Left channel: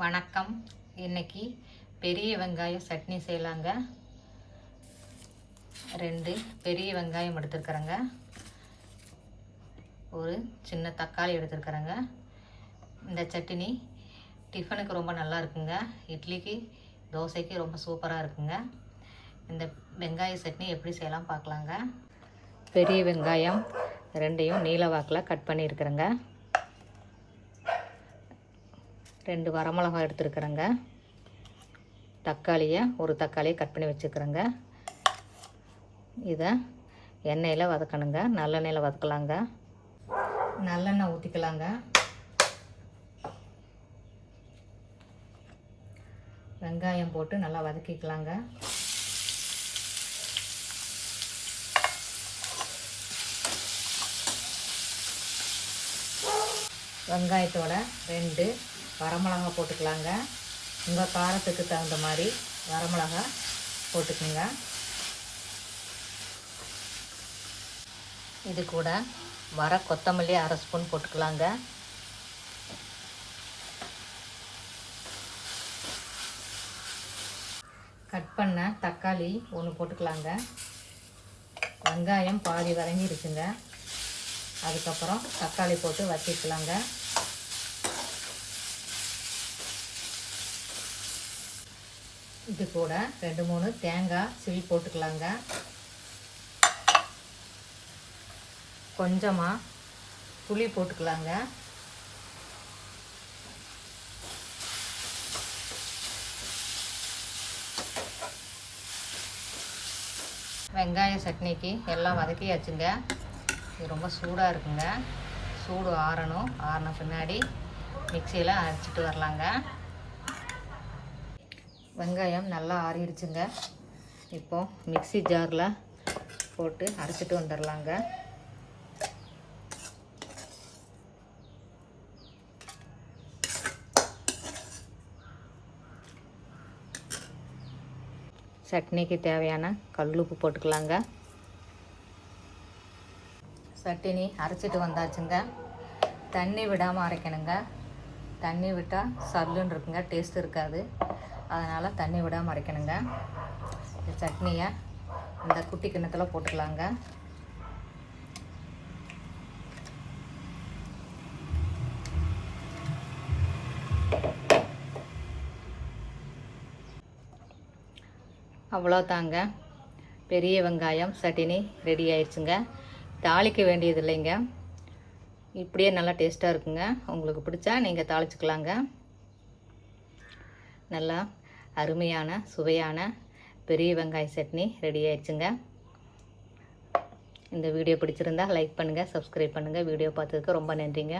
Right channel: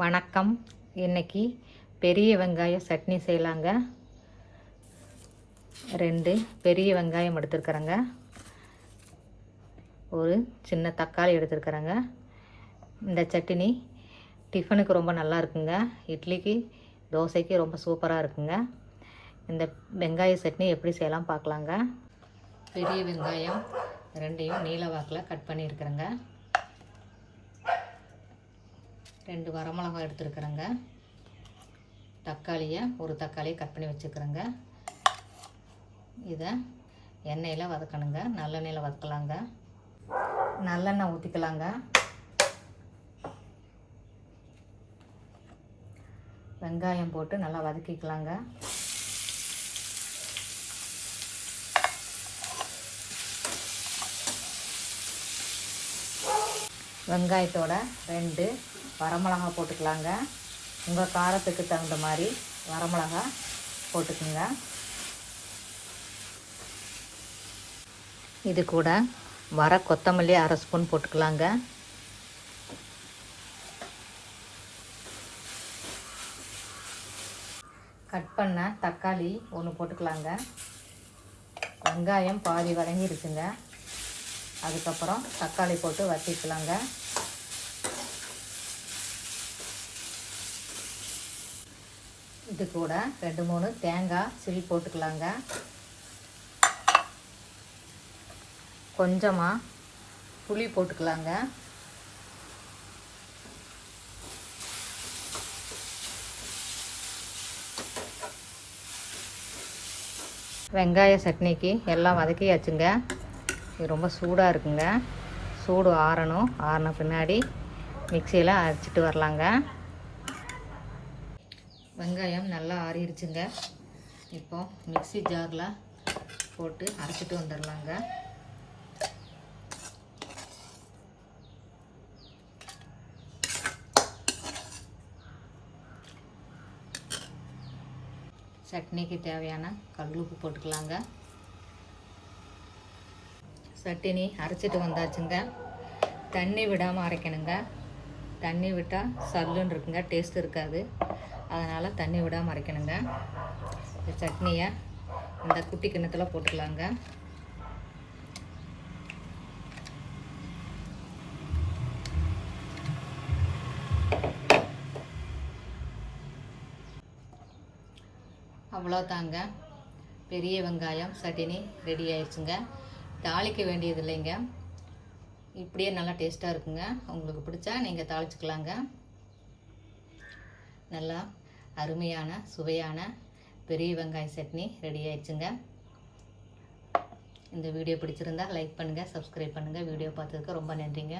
வணக்கம். இன்னைக்கு பெரிய வெங்காய சட்னி செய்யலாங்க. 2 பெரிய வெங்காயம் எடுத்துருக்குறேங்க. ஒரு சின்ன தக்காளி எடுத்துருக்குறேங்க. இந்த சட்னி டிஃபனுக்கு ரொம்ப நல்லா இருக்குங்க. இட்லிக்கு தோசைக்கு ரொம்ப சூப்பராக இருக்குங்க. இந்த வெங்காய சட்னி எப்படி செய்யலாம் பார்க்கலாங்க. பெரிய வெங்காயம் 2ஐயும் நீல வாக்கில் கட் பண்ணியிருக்கிறேங்க. 2 வரமிளகாய் எடுத்துருக்குறேங்க. ஒரு தக்காளியை கட் பண்ணி வச்சுக்கிறேங்க. இதை எண்ணெயில் வதக்கணுங்க. நல்லெண்ணெயில் வதக்கலாங்க. நல்லெண்ணெய் ஊற்றிக்கலாங்க. வெங்காயம் போட்டு நல்லா வதக்கிக்கலாங்க. வெங்காயத்தோட 2 வரமிளகா போட்டுக்கலாங்க. உங்கள் காரத்துக்கு தகுந்த மாதிரி வரமிளகா போட்டுக்குங்க. இது கூட கொத்தமல்லி 1/2 ஸ்பூன் போட்டுக்கலாங்க. கட் பண்ண தக்காளி 1 போட்டுக்கலாங்க. வெங்காயம் பாதி வதங்கிருச்சுங்க. அதுக்கப்புறம் தக்காளி போட்டு வதக்கிக்கலாங்க. இது கூட 2-3 தேங்காய் சில் போட்டுக்கலாங்க. கொஞ்சமாக புளி போட்டுக்கலாங்க. வெங்காய சட்னிக்கு எல்லாம் வதக்கியாச்சுங்க. இது ரொம்ப சூடாக இருக்குங்க. சூடு ஆறின பின்னாடி மிக்சியில் அரைச்சிட்டு வரலாங்க. வெங்காயம் நல்லா ஆறிடுச்சுங்க. இப்போ மிக்சி ஜாரில் போட்டு அரைச்சிட்டு வந்துடலாங்க. சட்னிக்கு தேவையான கல்லுப்பு போட்டுக்கலாங்க. சட்னி அரைச்சிட்டு வந்தாச்சுங்க. தண்ணி விடாமல் அரைக்கணுங்க. தண்ணி விட்டால் சல்லுன்னு இருக்குங்க, டேஸ்ட் இருக்காது. அதனால் தண்ணி விடாமல் அரைக்கணுங்க. இந்த சட்னியை இந்த குட்டி கிண்ணத்தில் போட்டுக்கலாங்க. அவ்வளோதாங்க, பெரிய வெங்காயம் சட்னி ரெடி ஆயிடுச்சுங்க. தாளிக்க வேண்டியது இல்லைங்க. இப்படியே நல்லா டேஸ்ட்டாக இருக்குங்க. உங்களுக்கு பிடிச்சா நீங்கள் தாளிச்சுக்கலாங்க. நல்லா அருமையான சுவையான பெரிய வெங்காய சட்னி ரெடி ஆயிடுச்சுங்க. இந்த வீடியோ பிடிச்சிருந்தா லைக் பண்ணுங்கள், சப்ஸ்கிரைப் பண்ணுங்கள். வீடியோ பார்த்ததுக்கு ரொம்ப நன்றிங்க.